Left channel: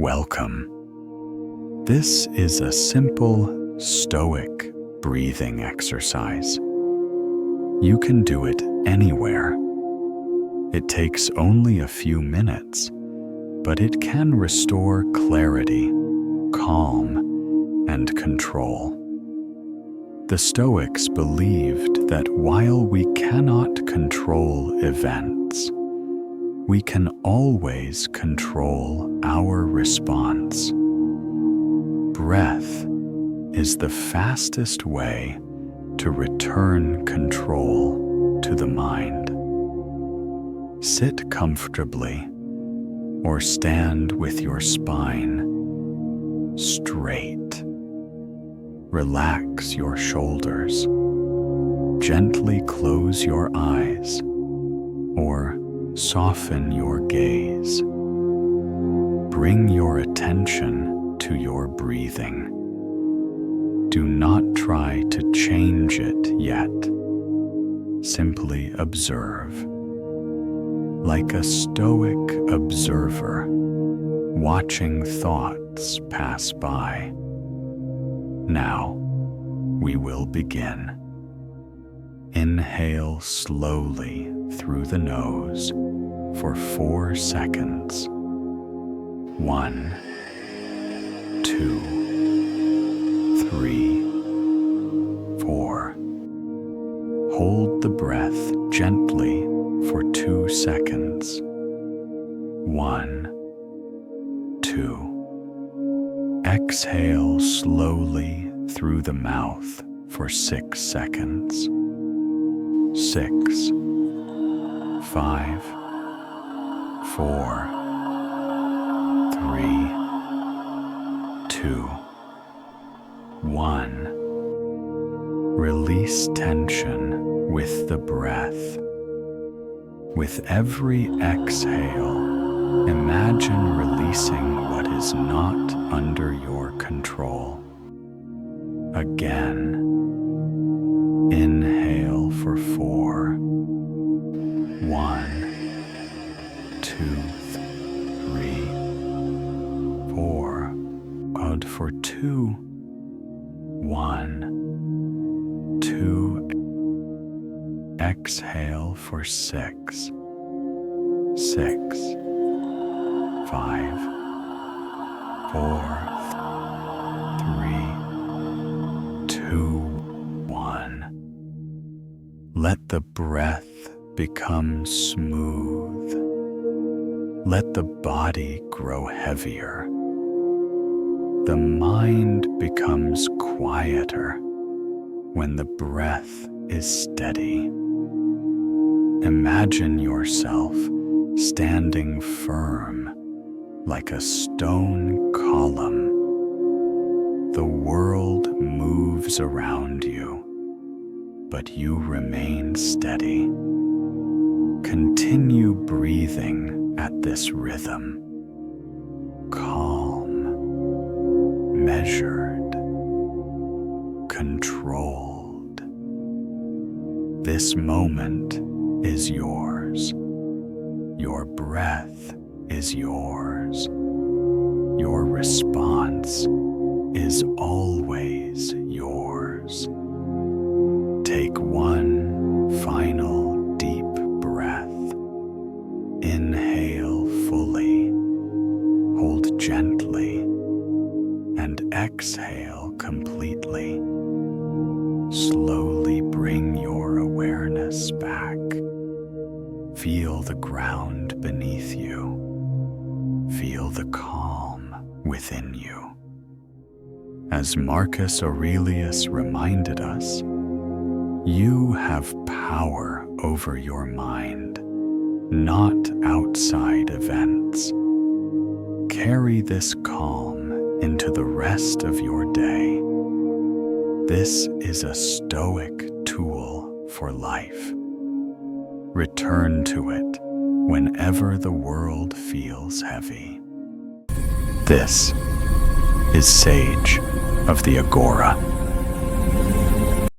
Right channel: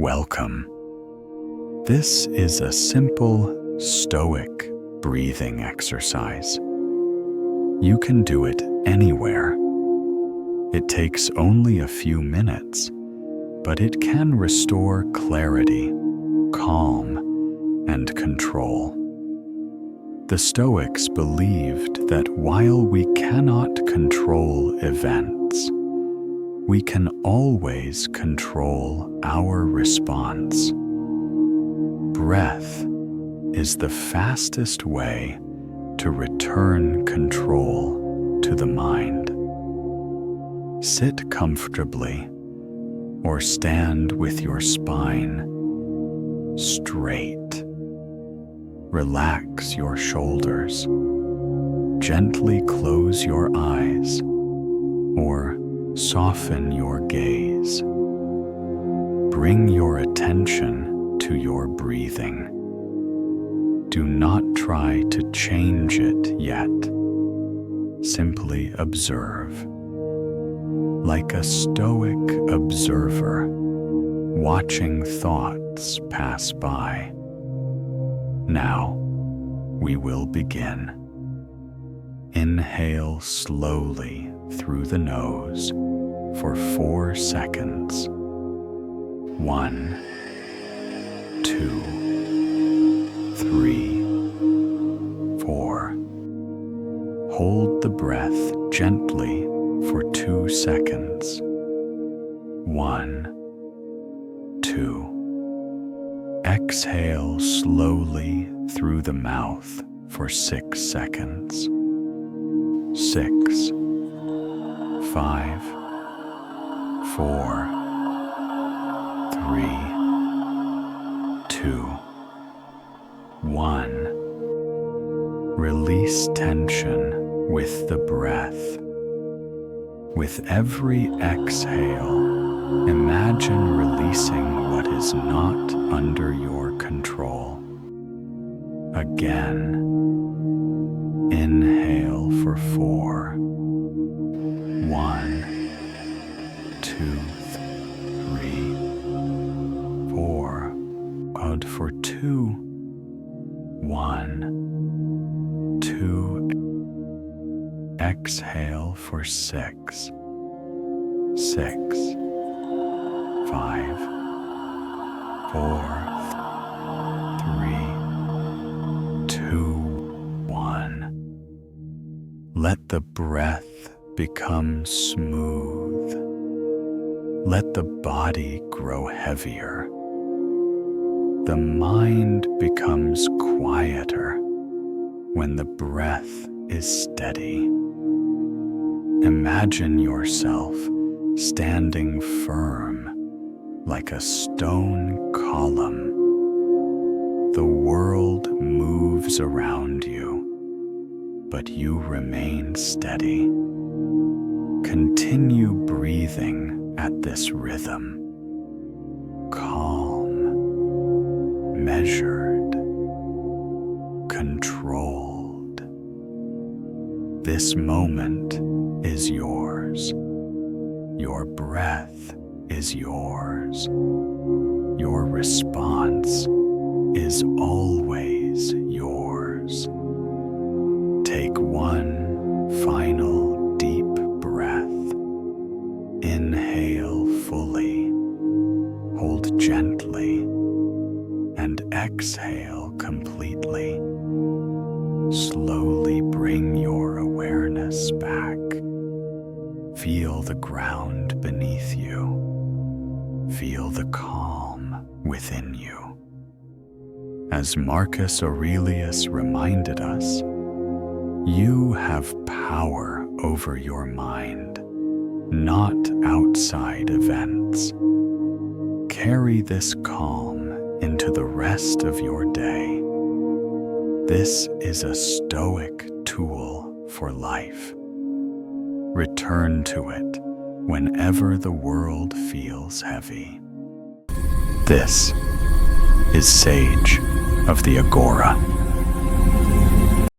Welcome. This is a simple Stoic breathing exercise. You can do it anywhere. It takes only a few minutes, but it can restore clarity, calm, and control. The Stoics believed that while we cannot control events, we can always control our response. Breath is the fastest way to return control to the mind. Sit comfortably or stand with your spine straight. Relax your shoulders. Gently close your eyes or soften your gaze. Bring your attention to your breathing. Do not try to change it yet. Simply observe. Like a Stoic observer, watching thoughts pass by. Now, we will begin. Inhale slowly through the nose for 4 seconds. 1, 2, 3, 4. Hold the breath gently for 2 seconds. 1, 2. Exhale slowly through the mouth for 6 seconds. 6, 5, 4, 3, 2, 1. Release tension with the breath. With every exhale, imagine releasing what is not under your control. Again, inhale for 4. 1, 2, 3, 4. Out for 2. 1, 2. Exhale for 6. 6, 5, 4, 3, 2, 1. Let the breath become smooth. Let the body grow heavier. The mind becomes quieter when the breath is steady. Imagine yourself standing firm like a stone column. The world moves around you, but you remain steady. Continue breathing at this rhythm. Calm, measured, controlled. This moment is yours. Your breath is yours. Your response is always yours. Take one final deep breath. Inhale fully, hold gently, and exhale completely. Slowly bring your awareness back. Feel the ground beneath you. Feel the calm within you. As Marcus Aurelius reminded us, you have power over your mind, not outside events. Carry this calm into the rest of your day. This is a Stoic tool for life. Return to it whenever the world feels heavy. This is Sage of the Agora.